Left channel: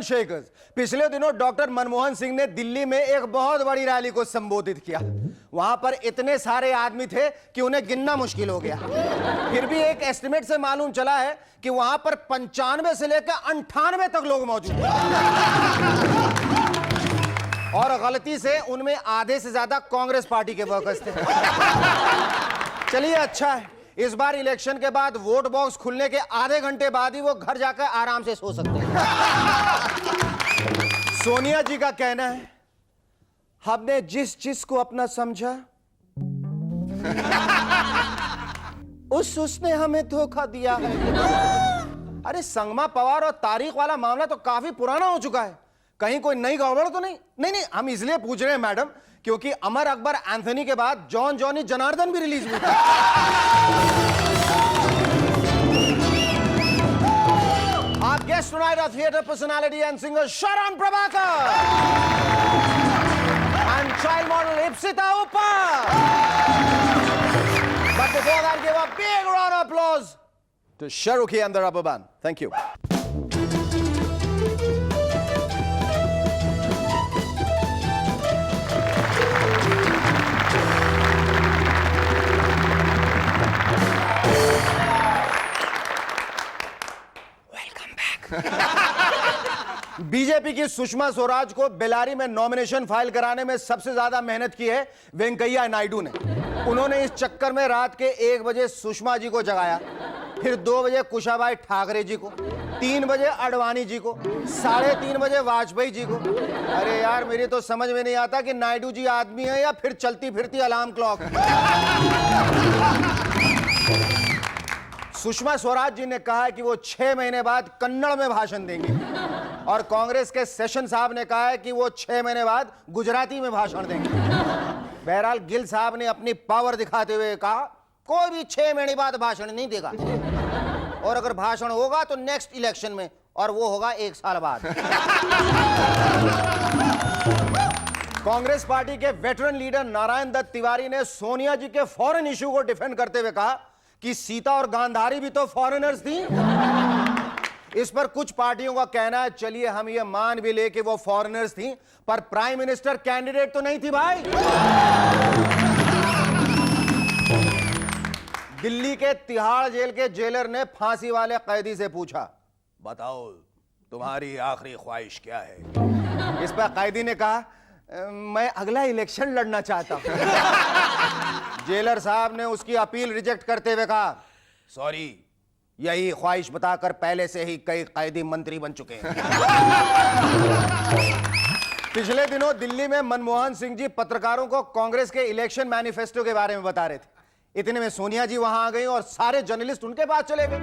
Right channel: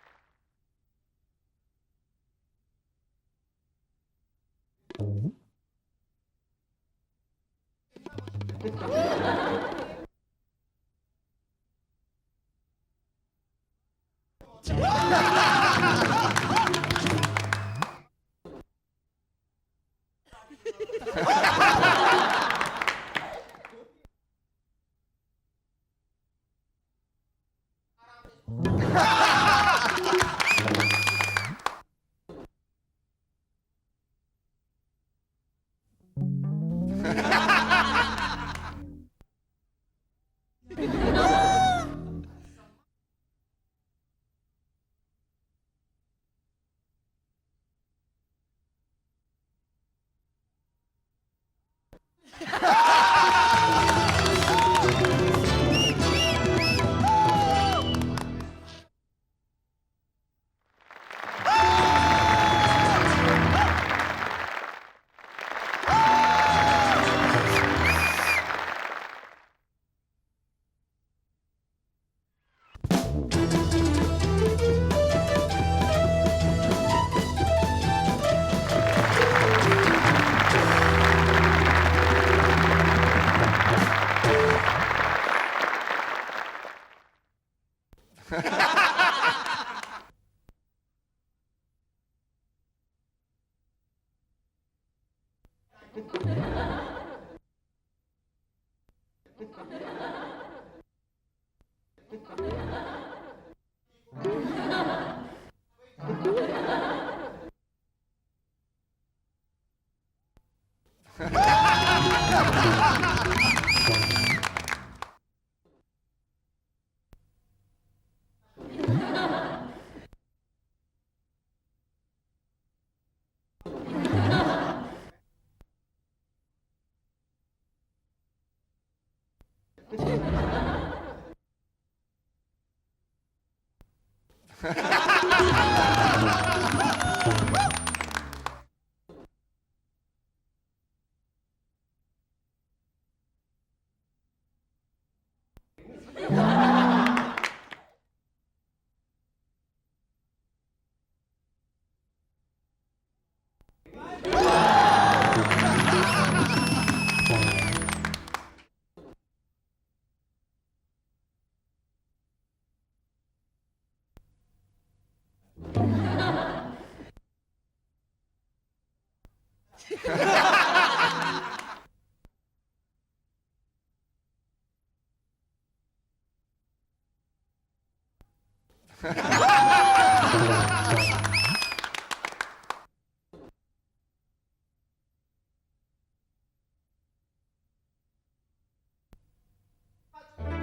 And shakers, पिछले दिनों doctor Manmohan Singh ने दिल्ली में एक बहुत बड़ी रैली को संबोधित किया। वहां पर इतने सारे आदमी थे कि उन्हें गिनना मुश्किल हो गया। फिर भी एक एस्टिमेट से मालूम चला है कि वहां पर 95 से लेकर 98 तक लोग मौजूद हैं। और गलती से उनमें आधे से ज्यादा कांग्रेस पार्टी के वर्कर्स थे। चलिए अच्छा है, इस बार इलेक्शन के बाद वोट बॉक्स खुलने के आधे घंटे बाद ही वो घर जाकर आराम से सो सकते हैं। सोनिया जी का कहना है, हमने जिस चीज को अपना समझा उसने हमें धोखा दिया। अरे संगमा पवार और तारीख वाला मामला तो काफी पुराना हो चुका है, कहीं कोई नई गड़बड़ तो नहीं? नहीं, हम इसलिए पूछ रहे हैं मैडम, क्योंकि अमर अकबर एंथनी के बाद जॉन जॉनी जनार्दन भी रिलीज हुआ। Our guest tonight are theatre personality and singer Sharan Prabhakar and child model Ipsita Uppa. But before that, give a big round of applause to Shahrukhi and the Rubber Band. Thank you. BJP की सुषमा स्वराज को बेलारी में nomination file कराने में सबसे ज्यादा मेहनत की है वेंकैया नायडू ने। उन्होंने इस चक्कर में रात के 1 बजे सुषमा जी को जगाया, फिर 2 बजे कुशाभाई ठाकरे जी को, 3 बजे अडवाणी जी को, 3:30 बजे वाजपेयी जी को। अरे यार, मेरी तो समझ में नहीं आता कि नायडू जी आदमी है या फिर चलती फिरती अलार्म क्लॉक। सुषमा स्वराज जी ने कहा है कि वो 6 महीने बाद कन्नड़ में भाषण देंगे, और कांग्रेस के सेशन साहब ने कहा है कि वो 6 महीने बाद गुजराती में भाषण देंगे। बहरहाल गिल साहब ने अपनी पावर दिखाते हुए कहा, कोई भी 6 महीने बाद भाषण नहीं देगा, और अगर भाषण होगा तो नेक्स्ट इलेक्शन में, और वो होगा 1 साल बाद। कांग्रेस पार्टी के वेटरन लीडर नारायण दत्त तिवारी ने सोनिया जी के फॉरेन इश्यू को डिफेंड करते हुए कहा कि सीता और गांधारी भी तो फॉरेनर्स थी। इस पर कुछ पार्टियों का कहना है, चलिए हम ये मान भी ले कि वो फॉरेनर्स थी, पर प्राइम मिनिस्टर कैंडिडेट तो नहीं थी भाई। दिल्ली के तिहाड़ जेल के जेलर ने फांसी वाले कैदी से पूछा, बताओ तुम्हारी आखिरी ख्वाहिश क्या है? इस पर कैदी ने कहा, मैं अगला इलेक्शन लड़ना चाहता हूं। जेलर साहब ने उसकी अपील रिजेक्ट करते हुए कहा, सॉरी, यही ख्वाहिश बताकर पहले से ही कई कैदी मंत्री बन चुके हैं। पिछले दिनों दिल्ली में मनमोहन सिंह जी पत्रकारों को कांग्रेस के इलेक्शन मैनिफेस्टो के बारे में बता रहे थे। इतने में सोनिया जी वहां आ गई और सारे जर्नलिस्ट उनके पास चले गए।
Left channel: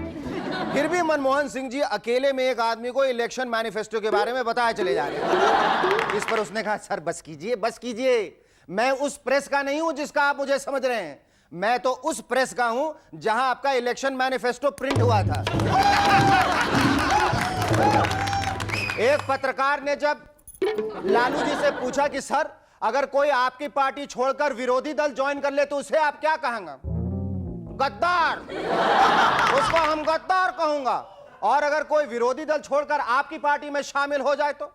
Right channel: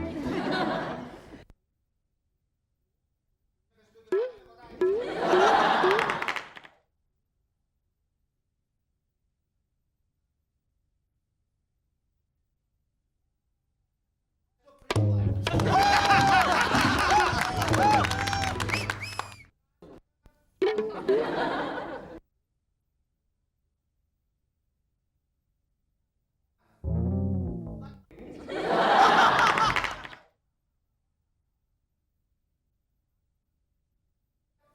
फिर भी मनमोहन सिंह जी अकेले में एक आदमी को इलेक्शन मैनिफेस्टो के बारे में बताए चले जा रहे हैं। इस पर उसने कहा, सर बस कीजिए, बस कीजिए, मैं उस प्रेस का नहीं हूं जिसका आप मुझे समझ रहे हैं, मैं तो उस प्रेस का हूं जहां आपका इलेक्शन मैनिफेस्टो प्रिंट हुआ था। एक पत्रकार ने जब लालू जी से पूछा कि सर, अगर कोई आपकी पार्टी छोड़कर विरोधी दल ज्वाइन कर ले तो उसे आप क्या कहेंगे? गद्दार। उसको हम गद्दार कहूंगा। और अगर कोई विरोधी दल छोड़कर आपकी पार्टी में शामिल हो जाए तो?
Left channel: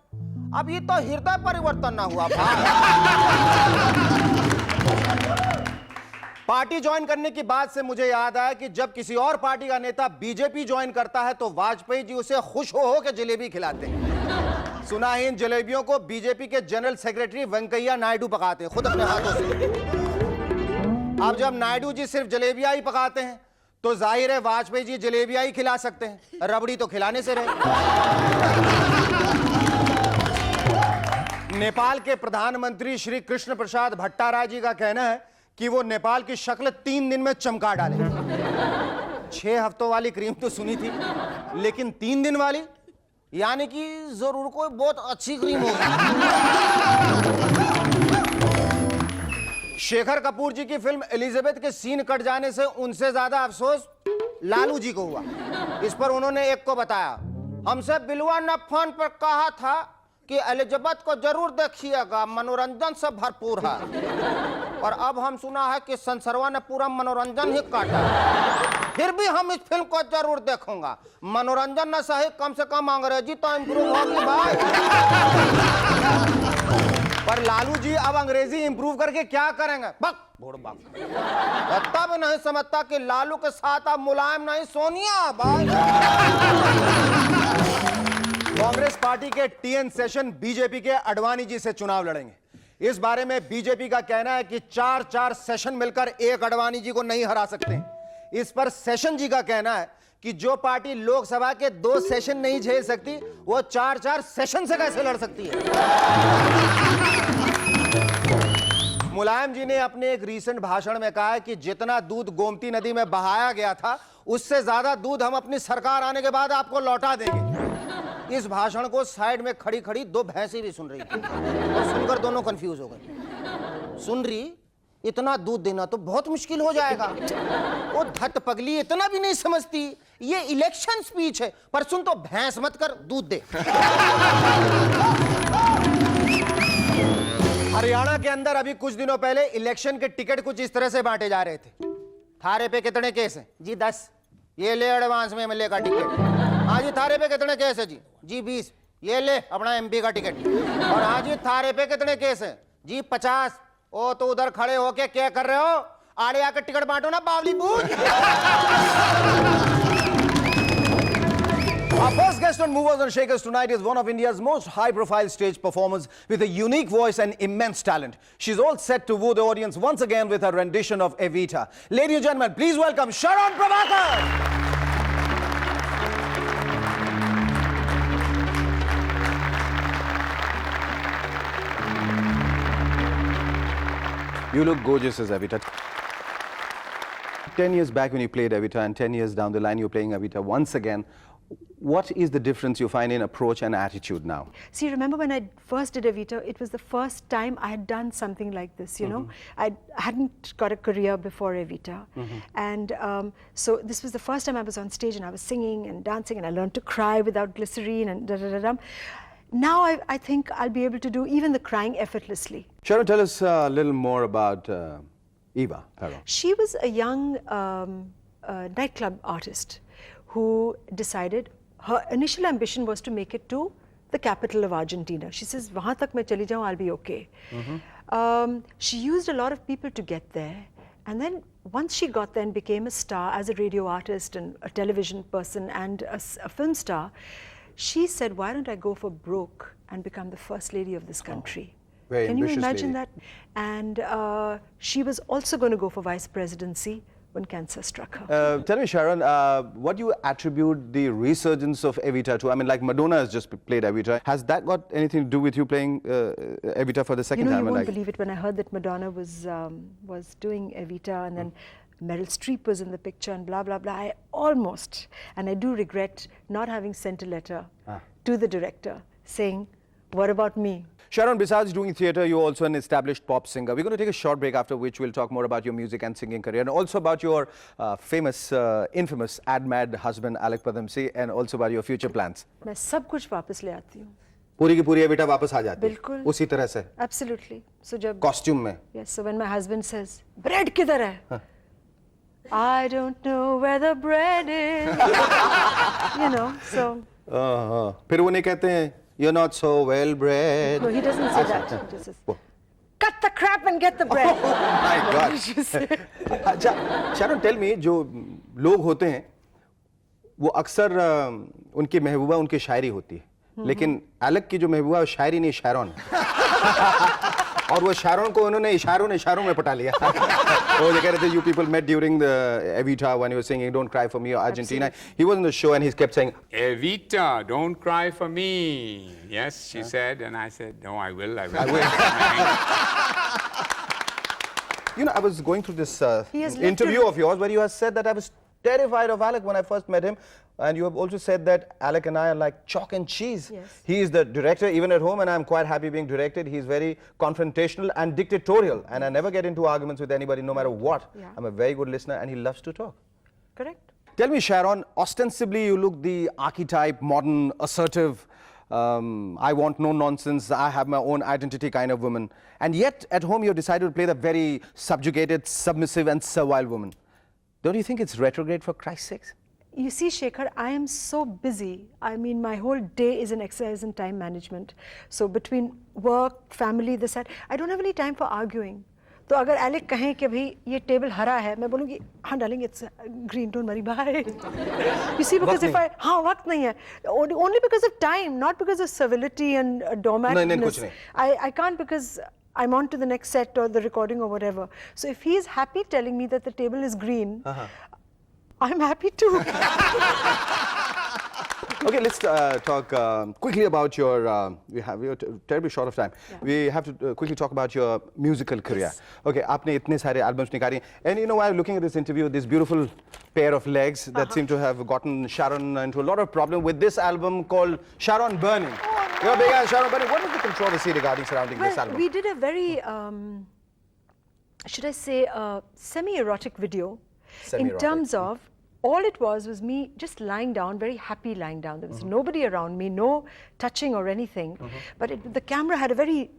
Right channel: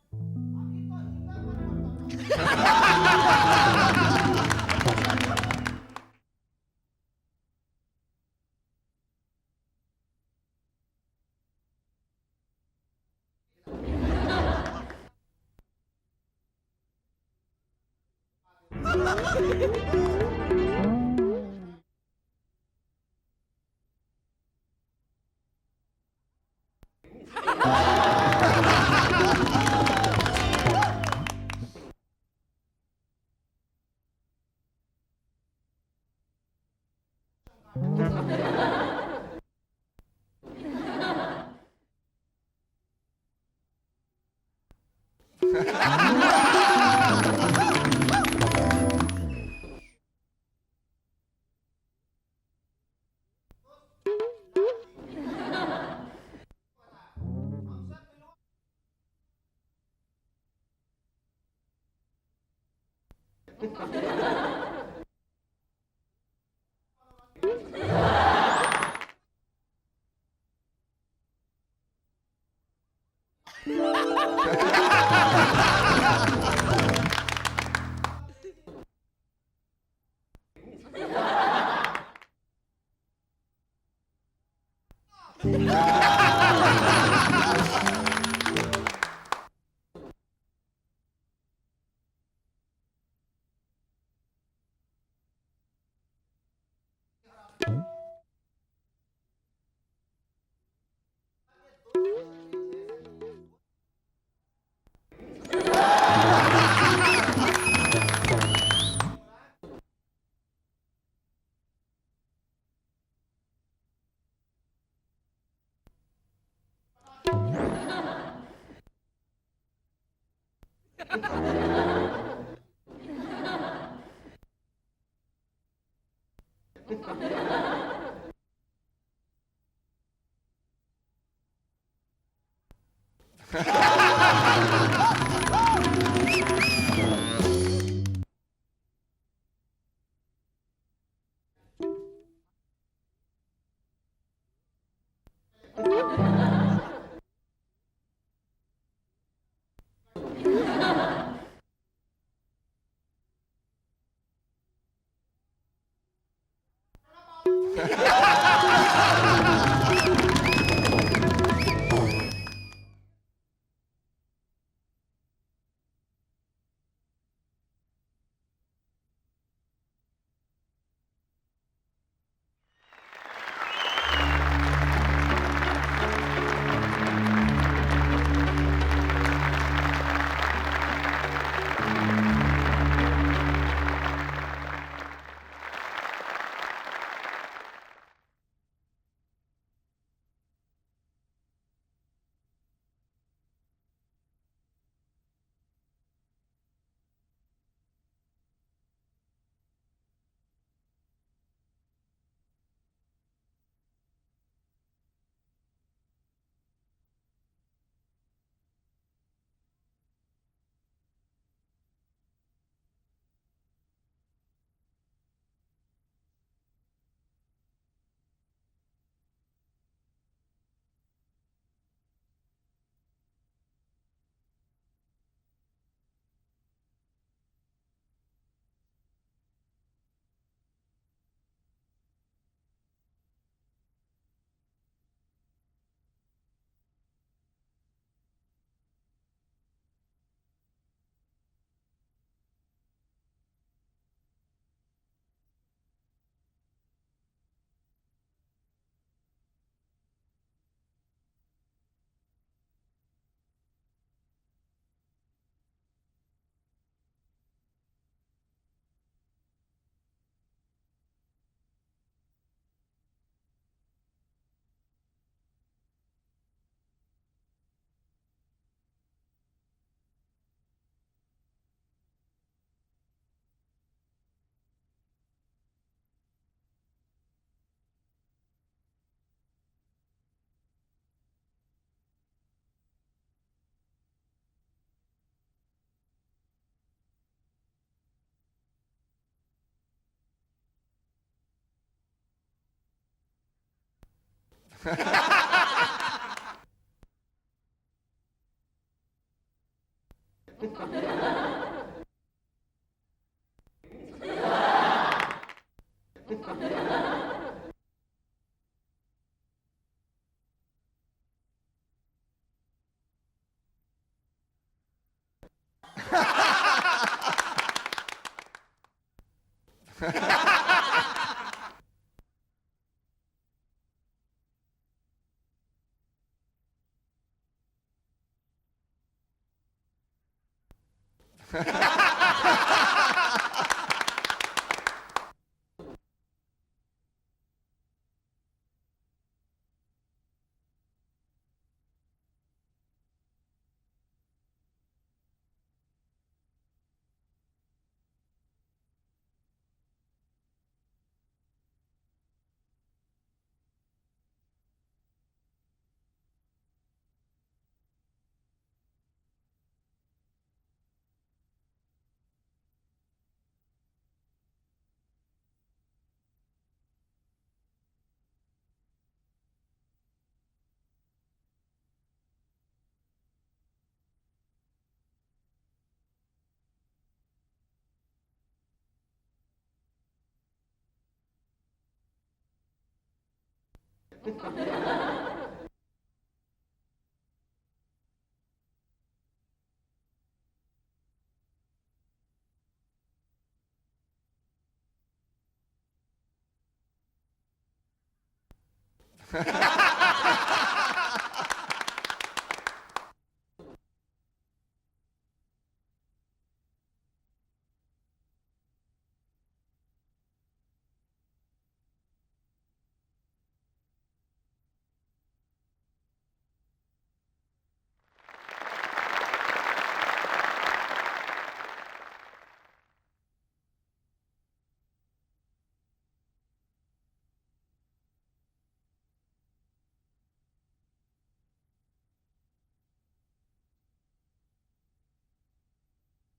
अब ये तो हृदय परिवर्तन ना हुआ। पार्टी ज्वाइन करने की बात से मुझे याद आया कि जब किसी और पार्टी का नेता बीजेपी ज्वाइन करता है तो वाजपेयी जी उसे खुश हो के जलेबी खिलाते हैं। सुना है इन जलेबियों को बीजेपी के जनरल सेक्रेटरी वेंकैया नायडू पकाते हैं खुद अपने हाथों से। अब जब नायडू जी सिर्फ जलेबियां ही पकाते हैं तो जाहिर है वाजपेयी जी जलेबियां ही खिला सकते हैं, रबड़ी तो खिलाने से रहे। नेपाल के प्रधानमंत्री श्री कृष्ण प्रसाद भट्टाराय जी का कहना है कि वो नेपाल की शक्ल 3 दिन में चमका डाले। 6 हफ्तों वाली क्रीम तो सुनी थी, लेकिन 3 दिन वाली, यानी कि जरूर कोई बहुत अच्छी क्रीम होगी। शेखर कपूर जी की फिल्म एलिजाबेथ के सीन कट जाने से उनसे ज्यादा अफसोस लालू जी को हुआ। इस पर उन्होंने एक को बताया, हमसे बिलवा ने फोन पर कहा था कि एलिजाबेथ को जरूर देखिएगा, मनोरंजन से भरपूर है। और अब हम सुना है कि संसरवा ने पूरा मनोरंजन ही काटा, फिर भी हम इस फिल्म को जरूर देखूंगा। मनोरंजन न सही, कम से कम अंग्रेजी तो इम्प्रूव होगी भाई। पर लालू जी अब अंग्रेजी इंप्रूव करके क्या करेंगे? बक भोड़ बाप, तब नहीं समझता कि लालू के साथ अब मुलायम नहीं सोनिया भाई। कांग्रेस पार्टी के टीएन सेशन बीजेपी के अडवाणी जी से चुनाव लड़ेंगे। इस बारे में बीजेपी का कहना है कि 4-4 सेशन मिलकर एक अडवाणी जी को नहीं हरा सकते। इस पर सेशन जी का कहना है कि जो पार्टी लोकसभा के 2 सेशन नहीं झेल सकती, वो 4-4 सेशन से कैसे लड़ सकती है? मुलायम जी ने अपने एक रीसेंट भाषण में कहा है कि जितना दूध गोमती नदी में बहाया गया था, उससे ज्यादा दूध हम अपनी सरकार आने के बाद आपको लौटा देंगे। इस भाषण को साइड में खड़ी खड़ी 2 भैंसी भी सुन रही है। सुनकर दोनों कंफ्यूज हो गए। सुन रही, इतना दूध देना तो बहुत मुश्किल हो जाएगा। वो धत पगली इतना भी नहीं समझती, ये इलेक्शन स्पीच है। पर सुन तो भैंस मत कर, दूध दे। हरियाणा के अंदर अभी कुछ दिनों पहले इलेक्शन के टिकट कुछ इस तरह से बांटे जा रहे थे। थारे पे कितने केस हैं? जी 10। ये ले एडवांस में एमएलए का टिकट। हाँ जी, थारे पे कितने केस है? जी 20। ये ले अपना एमपी का टिकट। और हाँ जी, थारे पे कितने केस है? जी 50। ओ तो उधर खड़े होके क्या कर रहे हो? आड़े आकर टिकट बांटो ना, बावली पूछ। Our first guest on Movers and Shakers tonight is one of India's most high-profile stage performers with a unique voice and immense talent. She's all set to woo the audience once again with her rendition of Evita. Ladies and gentlemen, please welcome Sharon Prabhakar. You look gorgeous as Evita. 10 years back when you played Evita and 10 years down the line you're playing Evita once again. What is the difference you find in approach and attitude now? See, remember when I first did Evita, it was the first time I had done something like this, you know. I hadn't got a career before Evita. And so this was the first time I was on stage and I was singing and dancing and I learned to cry without glycerine and da-da-da-dum. Now I think I'll be able to do even the crying effortlessly. Sharon, tell us a little more about Eva Perón. She was a young nightclub artist who decided her initial ambition was to make it to the capital of Argentina. She says, "Wahan tak main chali jaun, I'll be okay." She used a lot of people to get there. And then once she got there and became a star as a radio artist and a television person and a film star, she said, why don't I go for broke and become the first lady of this country? Very Can you ambitious imagine lady. that? And she was also going to go for vice presidency when cancer struck her. Tell me, Sharon, what do you attribute the resurgence of Evita to? I mean, like Madonna has just played Evita. Has that got anything to do with you playing Evita for the second time? You won't believe it, when I heard that Madonna was doing Evita and then Meryl Streep was in the picture and blah, blah, blah, I almost, and I do regret not having sent a letter to the director saying, what about me? Sharon, besides doing theatre, you're also an established pop singer. We're going to take a short break, after which we'll talk more about your music and singing career, and also about your famous, infamous ad-mad husband, Alec Padamsee, and also about your future plans. मैं सब कुछ वापस ले आती हूँ. पूरी की पूरी एविटा वापस आ जाती है. बिल्कुल. उसी तरह से. Absolutely. So जब Costume में. Yes. So when my husband says, bread किधर है? I don't know where the bread is. You know. So. फिर वो नहीं कहते हैं, you're not so well bred. No, he doesn't say that. He just says, cut the crap and get the bread. अच्छा, Sharon, tell me, जो लोग होते हैं, वो अक्सर उनकी महबूबा उनकी शायरी होती है, लेकिन अलग की जो महबूबा है शायरी नहीं, शायरन. और वो शायरन को उन्होंने इशारों में पटा लिया. वो कह रहे थे, you people met during the Evita when you were singing Don't Cry for Me or Argentina. Absolutely. He was on the show and he kept saying, Evita, don't cry for me. Yes, she said, and I said, no, I will. You know, I was going through this interview of yours where you have said that I was terrified of Alec when I first met him. And you have also said that Alec and I are like chalk and cheese. Yes. He is the director, even at home, and I'm quite happy being directed. He's very confrontational and dictatorial, and I never get into arguments with anybody, no matter what. Yeah. I'm a very good listener, and he loves to talk. Correct. Tell me, Sharon, ostensibly you look the archetype, modern, assertive I want no nonsense, I have my own identity kind of woman. And yet, at home, you've decided to play the very subjugated, submissive, and servile woman. Don't you think it's retrograde, for Christ's sake? You see, Shekhar, I am so busy. I mean, my whole day is an exercise in time management. So between work, family, this, that, I don't have any time for arguing. तो अगर Alec कहें कि भाई ये table हरा है, मैं बोलूँगी हाँ डालेंगे, it's green, don't worry, bye. You see, because if I हाँ वक्त नहीं है, only because of time, not because of civility and doormatness. नहीं कुछ नहीं. I can't because I'm on to the next set or the recording or whatever. So if he's happy telling me that the table is green, I'm happy too. Okay, let's talk quickly about your. We are terribly short of time. Yeah. We have to quickly talk about your musical career. Yes. Okay, आपने इतने सारे albums निकाले, and you know, while looking at this interview, this beautiful pair of legs that seem to have gotten Sharon into a lot of problem with this album called Sharon Burning. Your big Sharon Burning. What is the controversy regarding surrounding this album? We did a very, should I say, semi-erotic video. In terms of. All it was me just lying down, very happy lying down. There was nobody around me, no touching or anything. But the camera had a very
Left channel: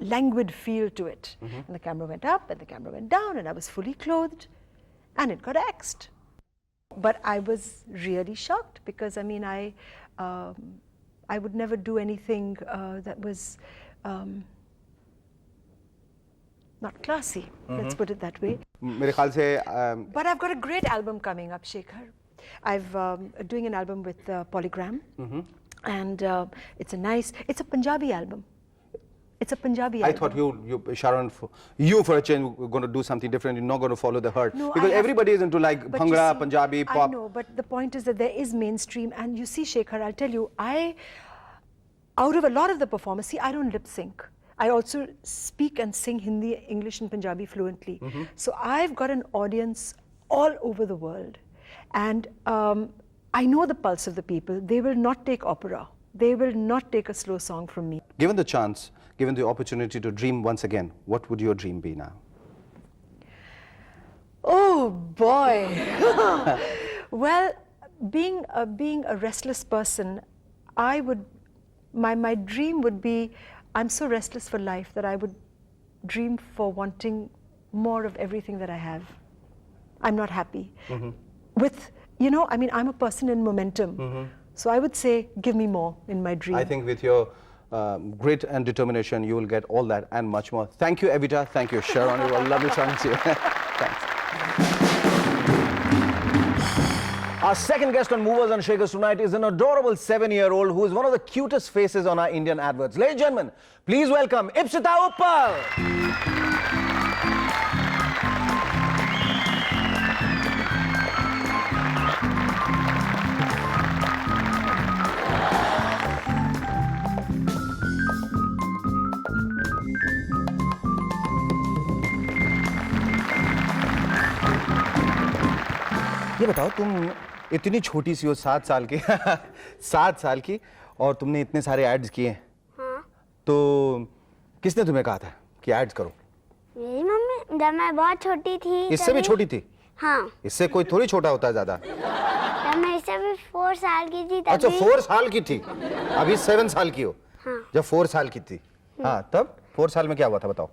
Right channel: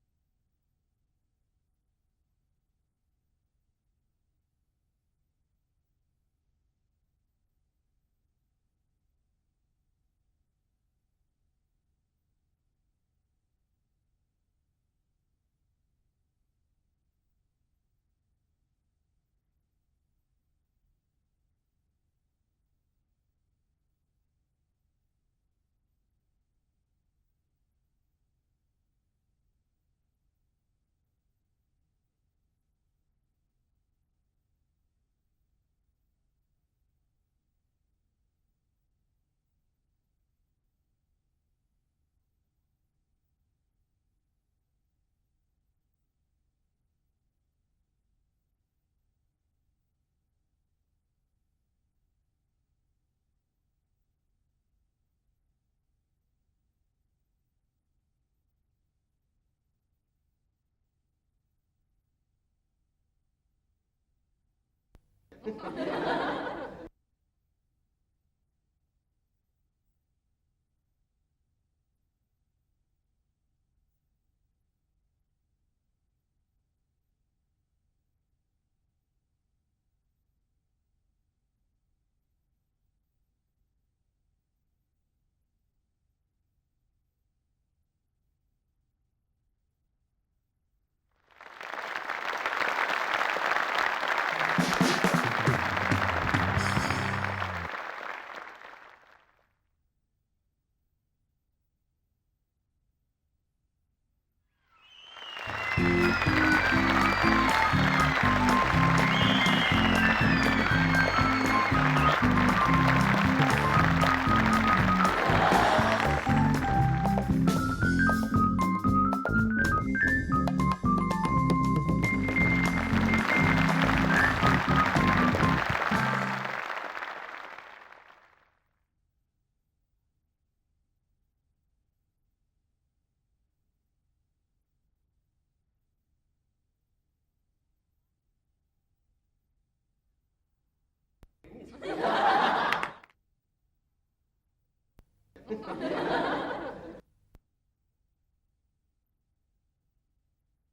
languid feel to it. And the camera went up and the camera went down and I was fully clothed and it got axed. But I was really shocked because, I mean, I would never do anything that was not classy, let's put it that way. मेरे ख्याल से But I've got a great album coming up, Shekhar. I've doing an album with Polygram, and it's a Punjabi album. It's a Punjabi album. I thought you Sharon, you for a change were going to do something different. You're not going to follow the herd. No, because everybody is into like Bhangra, Punjabi, pop. I know, but the point is that there is mainstream, and you see, Shekhar, I'll tell you, out of a lot of the performers, see, I don't lip sync. I also speak and sing Hindi, English and Punjabi fluently. So I've got an audience all over the world. And I know the pulse of the people. They will not take opera. They will not take a slow song from me. Given the chance, given the opportunity to dream once again, what would your dream be now? Oh boy. Well, being a restless person, my dream would be, I'm so restless for life that I would dream for wanting more of everything that I have. I'm not happy. With, you know, I mean, I'm a person in momentum. So I would say, give me more in my dream. I think with your grit and determination, you will get all that and much more. Thank you, Evita. Thank you, Sharon. It was lovely talking to you. Our second guest on Movers and Shakers tonight is an adorable 7-year-old who is one of the cutest faces on our Indian adverts. Ladies and gentlemen, please welcome Ipsita Uppal. ये बताओ, तुम इतनी छोटी सी हो, 7 साल की 7 साल की, और तुमने इतने सारे एड्स किए। हाँ। तो किसने तुम्हें कहा था कि एड्स करो? मेरी मम्मी, जब मैं बहुत छोटी थी। इससे भी छोटी थी? हाँ। इससे कोई थोड़ी छोटा होता है ज्यादा। जब मैं इससे भी 4 साल की थी तभी। अच्छा, 4 साल की थी। अभी 7 साल की हो। हाँ। जब 4 साल की थी, हाँ, तब 4 साल में क्या हुआ था, बताओ?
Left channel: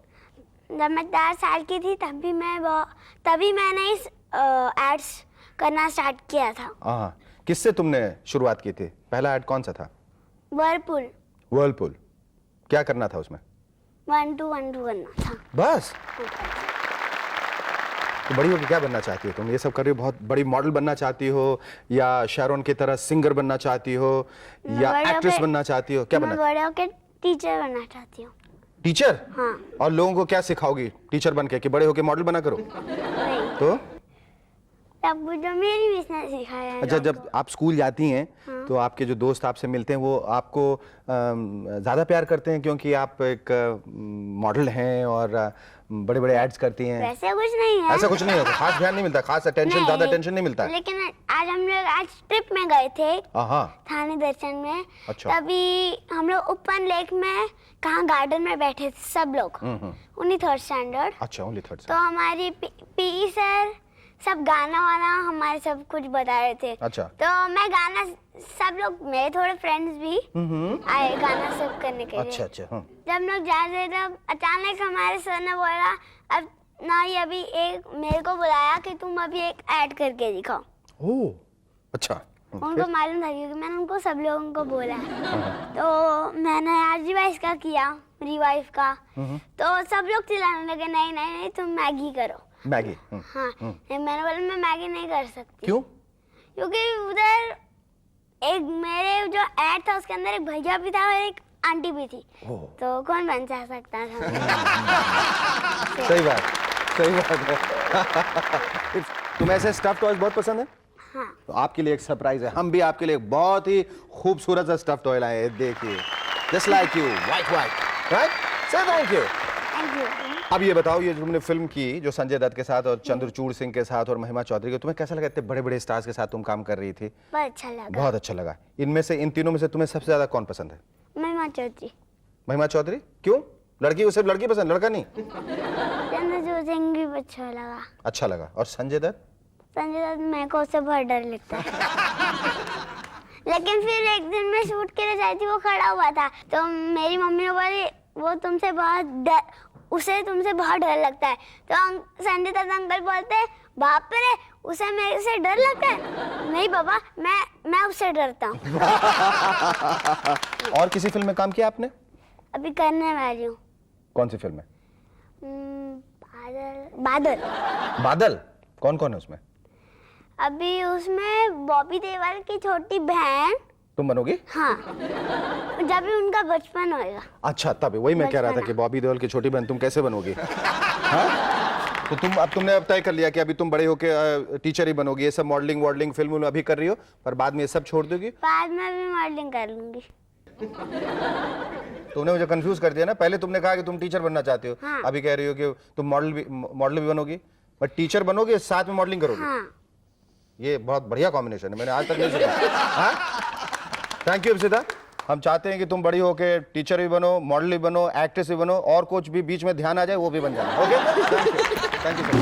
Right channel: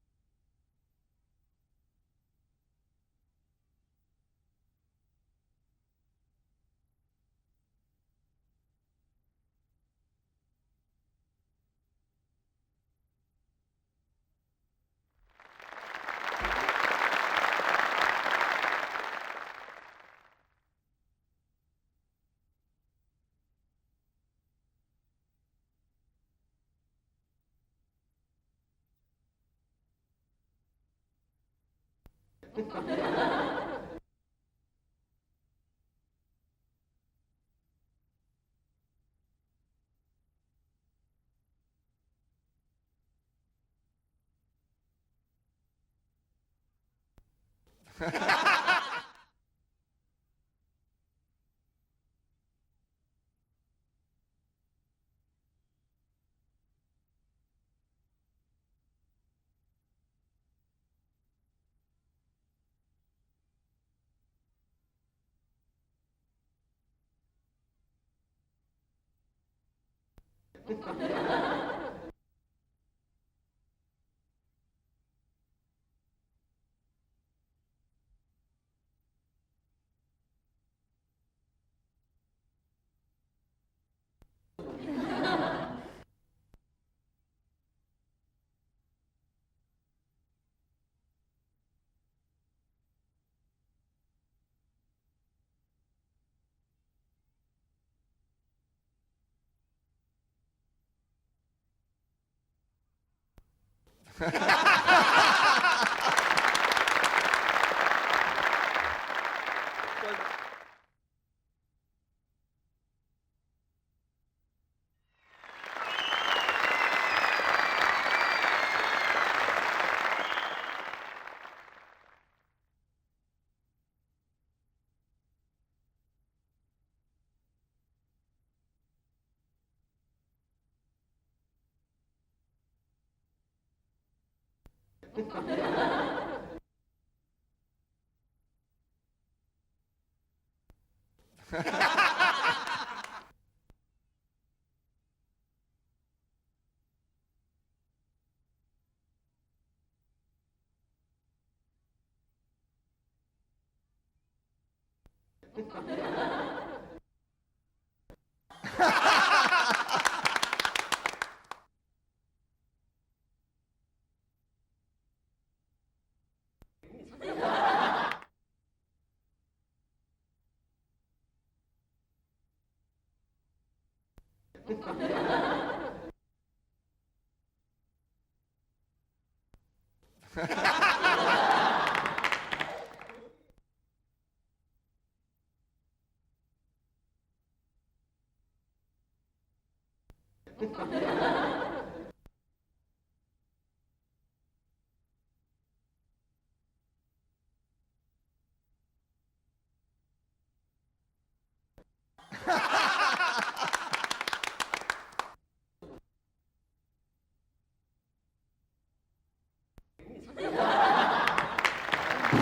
जब मैं 4 साल की थी तभी मैंने इस एड्स करना स्टार्ट किया था। हाँ, किससे तुमने शुरुआत की थी? पहला ऐड कौन सा था? वर्लपूल। वर्लपूल। क्या करना था उसमें? 1 2 1 2 करना था। बस? तो बड़ी होकर क्या बनना चाहती हो तुम? ये सब कर रही हो, बहुत बड़ी मॉडल बनना चाहती हो, या शारोन की तरह सिंगर बनना चाहती हो, या एक्ट्रेस बनना चाहती हो? क्या बनना? मैं बड़े होकर टीचर बनना चाहती हूँ। टीचर? हाँ। और लोगों को क्या सिखाओगी टीचर बन के, कि बड़े होकर मॉडल बना करो? तो तब जो मेरी मिस ने सिखाया है। अच्छा, जब आप स्कूल जाती हैं तो आपके जो दोस्त आपसे मिलते हैं वो आपको ज़्यादा प्यार करते हैं क्योंकि आप एक मॉडल हैं और बड़े-बड़े एड्स करती हैं? वैसे कुछ नहीं है। ऐसा कुछ नहीं होता, खास ध्यान नहीं मिलता, खास अटेंशन, ज़्यादा अटेंशन नहीं मिलता है। लेकिन आज हम लोग ट्रिप में गए थे। हाँ। थाने दर्शन में। अच्छा। तभी हम लोग ओपन लेक में कहाँ गार्डन में बैठे थे सब लोग। Only 3rd standard. अच्छा, ओनली 3rd तो हमारी पीई सर सब गाना वाना हमारे सब कुछ बता रहे थे। अच्छा। तो मैं गाना, सब लोग मेरे थोड़े फ्रेंड्स भी आए गाना सब करने के लिए। अच्छा अच्छा। हाँ। जब लोग जा रहे थे तब अचानक हमारे सर ने बोला अब ना, ये अभी एक मेरे को बुलाया कि तुम अभी एक ऐड करके दिखाओ। ओह अच्छा। उनको मालूम था क्योंकि मैंने उनको सब लोगों को बोला। तो मैंने आज रिवाइज का किया, रिवाइव का। तो सब लोग चिल्लाने लगे नहीं नहीं नहीं तुम मैगी करो। मैगी। हाँ, मैंने बोला मैं मैगी नहीं कर सकती। क्यों? क्योंकि उधर एक मेरे जो ऐड था उसके अंदर एक भैया भी था और एक आंटी भी थी। तो कौन बन सकता था? सही बात, सही बात है। तुम्हें ऐसे स्टफ टॉयज बहुत पसंद है? हाँ। तो आपके लिए एक सरप्राइज है, हम भी आपके लिए एक बहुत ही खूबसूरत सा स्टफ टॉय लाए हैं, देखिए। Just like you, right? So thank you. अब ये बताओ, ये जो तुमने फिल्म की जो संजय दत्त के साथ और चंद्रचूड़ सिंह के साथ और महिमा चौधरी के, तुम्हें कैसा लगा? इतने बड़े बड़े स्टार्स के साथ तुम काम कर रही थी। बहुत अच्छा लगा। बहुत अच्छा लगा। इनमें से, इन तीनों में से तुम्हें सबसे ज्यादा कौन पसंद है? महिमा चौधरी। महिमा चौधरी क्यों? लड़की, उसे लड़की पसंद, लड़का नहीं? चंद्रचूड़ सिंह भी अच्छा लगा। अच्छा लगा। और संजय दत्त? संजय दत्त मेरे को उससे बहुत डर लगता है। लेकिन फिर एक दिन मैं शूट के लिए जाई थी, वो खड़ा हुआ था, तो मेरी मम्मी ने बोली वो तुमसे बहुत डर, उसे तुमसे बहुत डर लगता है। तो संजय दत्त अंकल बोलते बाप रे, उसे मेरे से डर लगता है? नहीं बाबा, मैं उससे डरता हूँ। और किसी फिल्म में काम किया आपने? अभी करने वाली हूँ। कौन सी फिल्म में? बादल। बादल? कौन कौन है उसमें? अभी उसमें बॉबी देओल की छोटी बहन। तुम बनोगी? हाँ, जब भी उनका बचपन होएगा। अच्छा, तब वही मैं कह रहा था कि बॉबी देओल की छोटी बहन तुम कैसे बनोगी? हाँ? तो तुमने अब तय कर लिया कि अभी तुम बड़े होके टीचर ही बनोगी, ये सब मॉडलिंग फिल्म अभी कर रही हो, पर बाद में ये सब छोड़ दोगी? बाद में भी मॉडलिंग कर लूंगी। तुमने मुझे कंफ्यूज कर दिया ना। पहले तुमने कहा कि तुम टीचर बनना चाहते हो, हाँ। अभी कह रही हो कि तुम मॉडल भी बनोगी, बट टीचर बनोगे साथ में मॉडलिंग करोगे। हाँ। ये बहुत बढ़िया कॉम्बिनेशन है, मैंने आज तक नहीं सुना। Thank you Ipsita. हम चाहते हैं कि तुम बड़ी होके टीचर भी बनो, मॉडल भी बनो, एक्ट्रेस भी बनो, और कुछ भी बीच में ध्यान आ जाए वो भी बन जाए। Okay, thank you.